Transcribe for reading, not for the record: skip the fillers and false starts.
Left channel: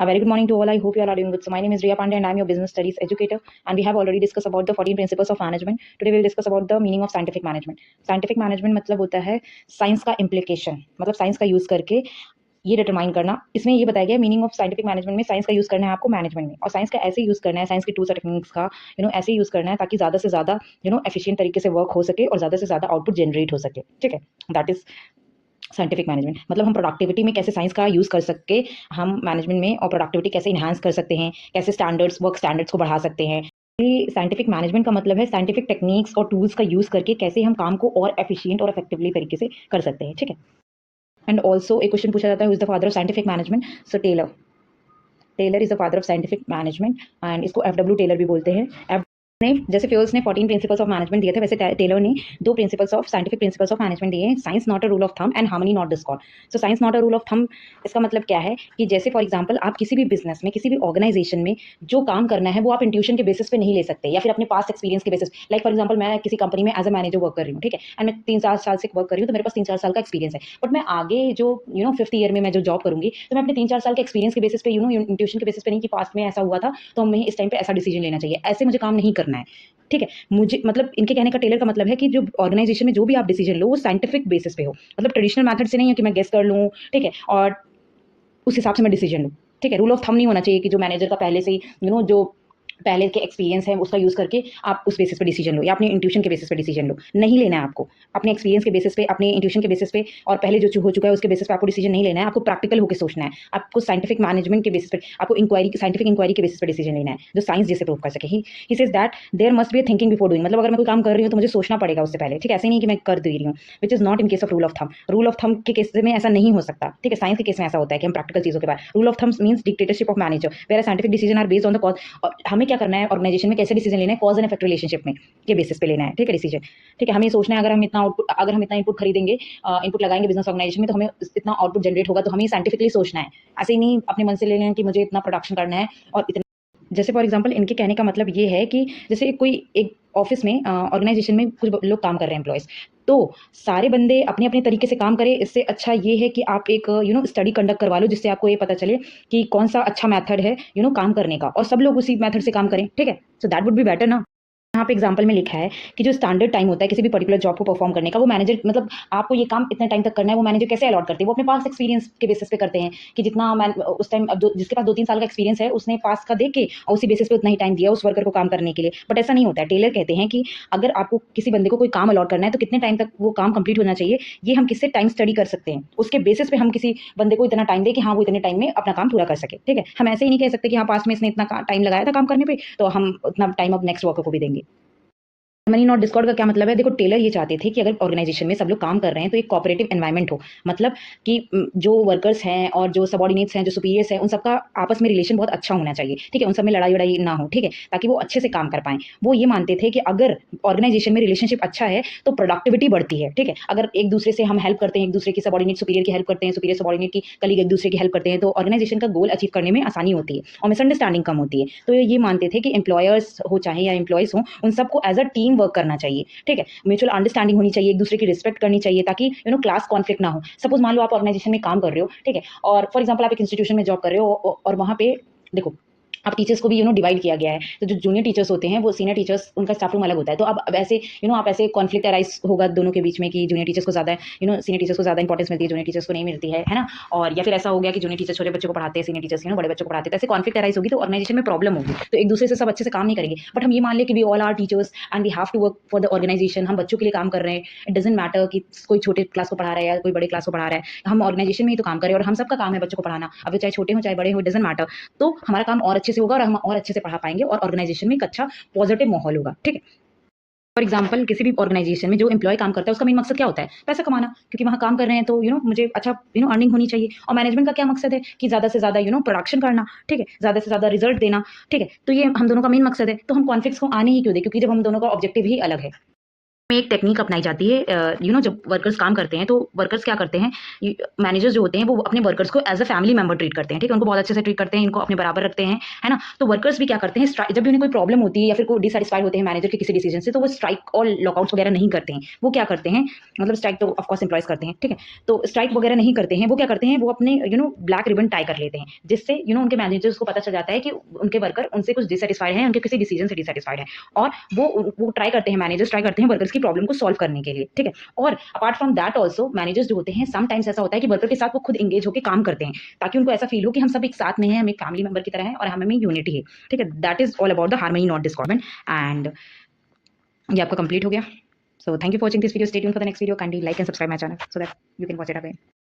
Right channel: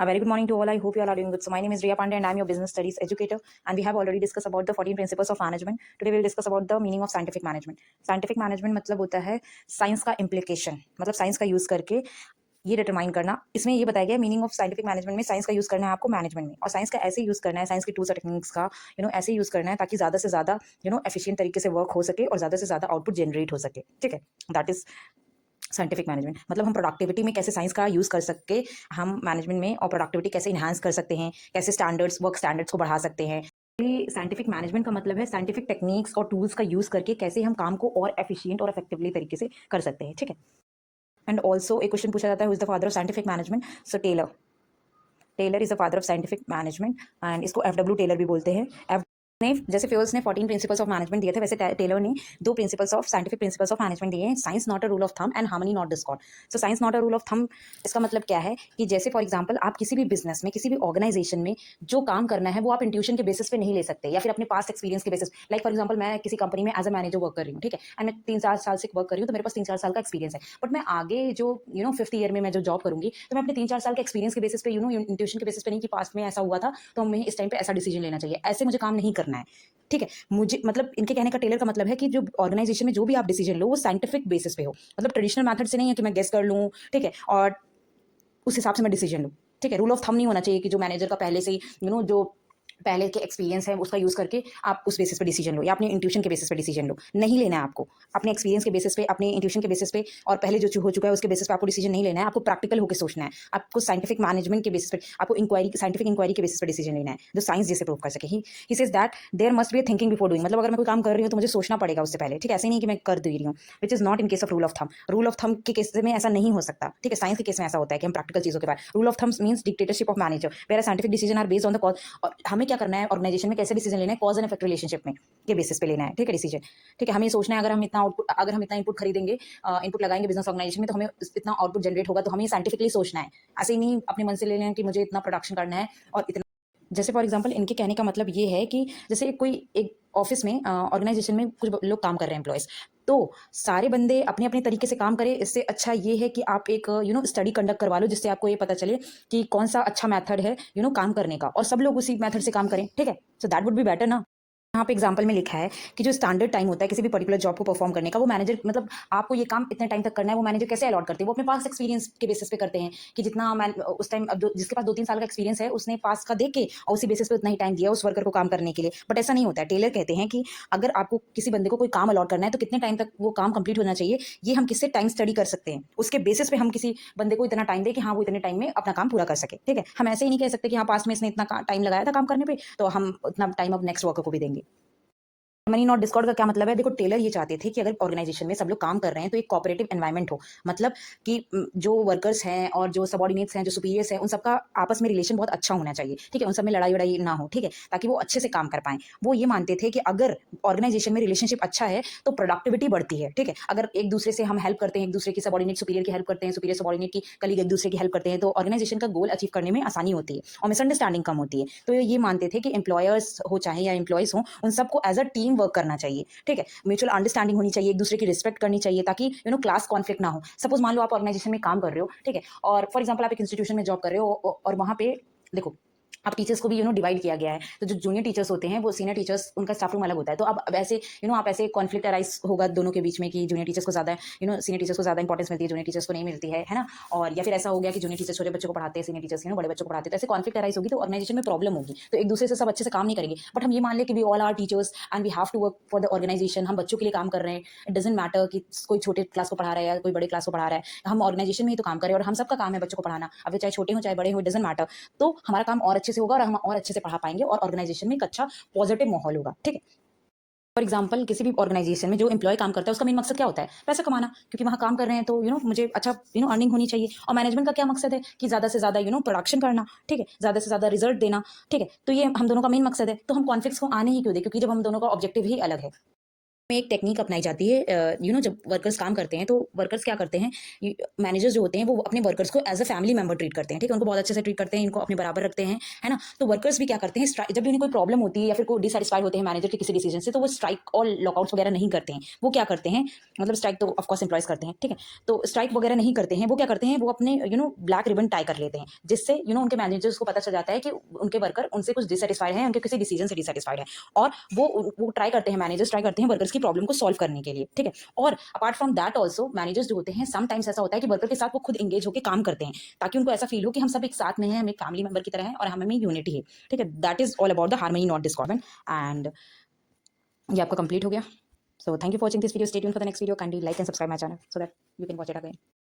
A very good morning to all. I hope you all are doing good. So my name is Riya Pandey and I'm your business studies educator. And we have already discussed about the 14 principles of management. Today we'll discuss about the meaning of scientific management. Scientific management मतलब होता है science का implication, मतलब science का use करके ये determine करना। इसमें ये बताया गया मीनिंग ऑफ साइंटिफिक मैनेजमेंट में साइंस का यूज करना है आपको मैनेजमेंट में, और साइंस का ऐसे यूज करना है, साइंस के टूल्स और टेक्निक्स का ऐसे यूज करना है ताकि ज्यादा से ज्यादा एफिशिएंट तरीके से वर्क हो सके और ज्यादा से ज्यादा आउटपुट जनरेट हो सके। ठीक है, दैट इज साइंटिफिक मैनेजमेंट। मतलब हम प्रोडक्टिविटी में कैसे साइंस का यूज़ कर सके हम मैनेजमेंट में, और प्रोडक्टिविटी कैसे इन्हांस कर सकते हैं, कैसे स्टैंडर्ड्स वर्क स्टैंडर्ड्स को बढ़ा सकते हैं। ये साइंटिफिक मैनेजमेंट का मतलब है साइंटिफिक टेक्निक्स और टूल्स का यूज़ करके कैसे हम काम को और एफिशिएंट और इफेक्टिवली तरीके से कर सकते हैं। ठीक है, एंड ऑल्सो एक क्वेश्चन पूछा जाता है, who is the father of scientific management? So Taylor. Taylor is the father of scientific management and इसको एफ टेलर भी बोलते हैं। ने जैसे फ्यूल्स ने 14 प्रिंसिपल्स ऑफ मैनेजमेंट दिए थे, वैसे टेलर ने 2 principles of scientific principles of management दिए हैं। Science not a rule of thumb and harmony not Discord. So science not a rule of thumb, इसका मतलब क्या है कि जैसे फॉर एग्जांपल आप किसी भी बिजनेस में, किसी भी ऑर्गेनाइजेशन में जो काम करना है वो आप इंट्यूशन के बेसिस पे नहीं ले सकते, या फिर अपने पास्ट एक्सपीरियंस के बेसिस। लाइक फॉर एग्जांपल मैं किसी कंपनी में एज अ मैनेजर वर्क कर रही हूँ, ठीक है, एंड मैं 3-4 साल से वर्क कर रही हूँ, तो मेरे पास 3-4 साल का एक्सपीरियंस है। बट मैं आगे जो 5th ईयर में मैं जो जॉब करूंगी, तो मैं अपने 3-4 साल के एक्सपीरियंस के बेसिस पे इंट्यूशन के बेसिस पे नहीं कि पास्ट में ऐसा हुआ था तो हमें इस टाइम पे ऐसा डिसीजन लेना चाहिए, ऐसे मुझे काम नहीं करना है। ठीक है, मुझे मतलब इनके कहने का टेलर का मतलब है कि जो ऑर्गेनाइजेशन में जो भी आप डिसीजन लो वो साइंटिफिक बेसिस पे हो, मतलब ट्रेडिशनल मेथड से नहीं है कि मैं गेस कर लूँ, ठीक है, और उस हिसाब से मैं डिसीजन लूँ। ठीक है, रूल ऑफ थंब नहीं होना चाहिए कि जो मैनेजर का पहले से ही जो पहले के एक्सपीरियंस है उसका यूज़ करके आप उस बेसिस पे डिसीजन लो, या अपने इंट्यूशन के बेसिस पे डिसीजन लो। नहीं लेना है आपको अपने एक्सपीरियंस के बेसिस पे, अपने इंट्यूशन के बेसिस पे, और पहले जो हो चुका है उसके बेसिस पे आपको डिसीजन नहीं लेना है। आपको प्रैक्टिकल होकर सोचना है, आपको साइंटिफिक मैनेजमेंट के बेसिस पे, आपको साइंटिफिक इंक्वायरी के बेसिस पे डिसीजन लेना है जो साइंस जैसे प्रूव कर सके। He says that there must be thinking before doing, मतलब अगर मैं कोई काम कर रही हूँ तो मुझे सोचना पड़ेगा उससे पहले। ठीक है, ऐसे नहीं कि मैं कर दे रही हूँ, which is not in case of rule of thumb. Rule of thumb के केस में ऐसा नहीं हो सकता। ठीक है, साइंस के केस में ऐसा होता है कि हम प्रैक्टिकल चीज़ों के बाद। Rule of thumb means dictatorship of manager, where scientific decision are based on the cause. और हमें क्या करना है ऑर्गेनाइजेशन में, कैसे डिसीजन लेना है, कॉज एंड इफेक्ट रिलेशनशिप में के बेसिस पे लेना है। ठीक है, डिसीजन। ठीक है, हमें सोचना है अगर हम इतना आउटपुट, अगर हम इतना इनपुट खरीदेंगे, इनपुट लगाएंगे बिजनेस ऑर्गेनाइजेशन में, तो हमें इतना आउटपुट जनरेट होगा, तो हमें साइंटिफिकली सोचना है। ऐसे ही नहीं अपने मन से ले लेना कि मुझे इतना प्रोडक्शन करना है और इतना। जैसे फॉर एग्जांपल इनके कहने का मतलब ये है कि जैसे कोई एक ऑफिस में, ऑर्गेनाइजेशन में कुछ लोग काम कर रहे हैं, एम्प्लॉयज़, तो सारे बंदे अपने अपने तरीके से काम करें। इससे अच्छा ये है कि आप एक स्टडी कंडक्ट करवा लो, जिससे आपको ये पता चले कि कौन सा अच्छा मेथड है काम करने का, और सब लोग उसी मेथड से काम करें। ठीक है, so that would be better ना। यहाँ पे एग्जाम्पल में लिखा है कि जो स्टैंडर्ड टाइम होता है किसी भी पर्टिकुलर जॉब को परफॉर्म करने का, वो मैनेजर, मतलब आपको ये काम इतने टाइम तक करना है, वो मैनेजर कैसे अलॉट करते हैं? वो अपने पास एक्सपीरियंस के बेसिस पे करते हैं कि जितना मैं उस टाइम, अब जिसके पास 2-3 साल का एक्सपीरियंस है उसने पास का देख के और उसी बेसिस पे उतना ही टाइम दिया उस वर्कर को काम करने के लिए। बट ऐसा नहीं होता है। टेलर कहते हैं कि अगर आपको किसी बंदे को कोई काम अलॉट करना है तो कितने टाइम तक वो काम कंप्लीट होना चाहिए, ये हम किससे टाइम स्टडी कर सकते हैं, उसके बेसिस पे हम किसी बंदे को इतना टाइम दें कि हाँ वो इतने टाइम में अपना काम पूरा कर सके। ठीक है, हम ऐसे ही नहीं कह सकते कि हाँ पास में इसने इतना टाइम लगाया था काम करने पे, तो हम उतना टाइम अब नेक्स्ट वर्कर को भी देंगे। मनी नॉट डिस्कॉर्ड का क्या मतलब है? देखो, टेलर ये चाहते थे कि अगर ऑर्गेनाइजेशन में सब लोग काम कर रहे हैं तो एक कोऑपरेटिव एनवायरनमेंट हो, मतलब कि जो वर्कर्स हैं और जो सबॉर्डिनेट्स हैं, जो सुपीरियर्स हैं, उन सबका आपस में रिलेशन बहुत अच्छा होना चाहिए। ठीक है, उन सब में लड़ाई वड़ाई ना हो। ठीक है, ताकि वो अच्छे से काम कर पाएं। वो ये मानते थे कि अगर ऑर्गेनाइजेशन में रिलेशनशिप अच्छा है तो प्रोडक्टिविटी बढ़ती है। ठीक है, अगर एक दूसरे से हम हेल्प करते हैं, एक दूसरे की सबॉर्डिनेट सुपीरियर की हेल्प करते हैं, सुपीरियर सबॉर्डिनेट की कलीग एक दूसरे की हेल्प करते हैं, तो ऑर्गेनाइजेशन का गोल अचीव करने में आसानी होती है और मिसअंडरस्टैंडिंग कम होती है। तो ये मानते थे कि एम्प्लॉयर्स हो चाहे या एम्प्लॉयज हो, उन सबको एज अ टीम वर्क करना चाहिए। ठीक है, म्यूचुअल अंडरस्टैंडिंग होनी चाहिए, एक दूसरे की रिस्पेक्ट करनी चाहिए, ताकि क्लास कॉन्फ्लिक्ट ना हो। सपोज मान लो आप ऑर्गेनाइजेशन में काम कर रहे हो, ठीक है, और फॉर एग्जाम्पल आप एक इंस्टीट्यूशन में जॉब कर रहे हो, और वहाँ पे देखो अब टीचर्स को भी डिवाइड किया गया है। तो जो जूनियर टीचर्स होते हैं वो सीनियर टीचर्स, उनका स्टाफ रूम अलग होता है। तो अब ऐसे आप ऐसे कॉन्फ्लिक्ट अराइज होगा दोनों के बीच में कि जूनियर टीचर्स को ज़्यादा सीनियर टीचर्स को ज़्यादा इंपॉर्टेंस मिलती है, जूनियर टीचर्स को नहीं मिलती है ना। और या फिर ऐसा हो गया कि जूनियर टीचर्स छोटे बच्चों को पढ़ाते हैं, सीनियर टीचर्स बड़े बच्चों को पढ़ाते हैं, तो ऐसे कॉन्फ्लिक्ट अराइज होगी तो ऑर्गेनाइजेशन में प्रॉब्लम होगी, तो एक दूसरे से सब अच्छे से काम नहीं करेंगे। बट हम ये मान लें कि we all are teachers and we have to work for the organisation, हम बच्चों के लिए काम कर रहे हैं। इट डजंट मैटर कि कोई छोटे क्लास को पढ़ा रहा है या कोई बड़े क्लास को पढ़ा रहा है, हम ऑर्गेनाइजेशन में ही तो काम करें और हम सबका काम है बच्चों को पढ़ाना, अब चाहे छोटे हो चाहे बड़े हो, डजंट मैटर। तो हमारा काम और अच्छे से होगा और हम और अच्छे से पढ़ा पाएंगे और ऑर्गेनाइजेशन में एक अच्छा पॉजिटिव माहौल होगा। ठीक है, फॉर एग्जाम्पल किसी भी ऑर्गेनाइजेशन में जो एम्प्लॉय काम करता है उसका मेन मकसद क्या होता है? पैसा कमाना, क्योंकि वहाँ काम कर रहे हैं तो मुझे अच्छा अर्निंग होनी चाहिए। और मैनेजमेंट का क्या मकसद है? कि ज़्यादा से ज़्यादा प्रोडक्शन करना। ठीक है, ज़्यादा से ज़्यादा रिजल्ट देना। ठीक है, तो ये हम दोनों का मेन मकसद है। तो हम कॉन्फ्लिक्ट्स को आने ही क्यों दे? क्योंकि जब हम दोनों का ऑब्जेक्टिव ही अलग है। में एक टेक्निक अपनाई जाती है। जब वर्कर्स काम करते हैं तो वर्कर्स क्या करते हैं, मैनेजर्स जो होते हैं वो अपने वर्कर्स को as a family member treat करते हैं, ठीक है, उनको बहुत अच्छे से ट्रीट करते हैं, इनको अपने बराबर रखते हैं, है ना। तो वर्कर्स भी क्या करते हैं, जब भी उन्हें कोई प्रॉब्लम होती है या फिर कोई डिससेटिस्फाइड होते हैं मैनेजर के किसी डिसीजन से, तो वो स्ट्राइक और लॉकआउट्स वगैरह नहीं करते हैं। वो क्या करते हैं, मतलब स्ट्राइक तो ऑफकोर्स एम्प्लॉयज करते हैं, ठीक है, तो स्ट्राइक वगैरह नहीं करते हैं। वो क्या करते हैं, वो अपने ब्लैक रिबन टाई कर लेते हैं, जिससे उनके मैनेजर्स को पता चल जाता है कि उनके वर्कर उनसे कुछ डिससेटिस्फाइड हैं, उनके किसी डिसीजन से डिससेटिस्फाइड है, और वो ट्राई करते हैं, मैनेजर्स ट्राई करते हैं वर्कर्स की प्रॉब्लम को सॉल्व करने के लिए, ठीक है। और apart from that also managers जो होते हैं, समटाइम्स ऐसा होता है कि वर्कर के साथ वो खुद एंगेज होकर काम करते हैं, ताकि उनको ऐसा फील हो कि हम सब एक साथ में हैं, हम एक फैमिली मेंबर की तरह हैं और हमें यूनिटी है, ठीक है। That is all about the harmony not discordment. And ये आपका कंप्लीट हो गया। So thank you for watching this video. Stay tuned for the next video. Kindly like and subscribe my channel so that you can watch it again.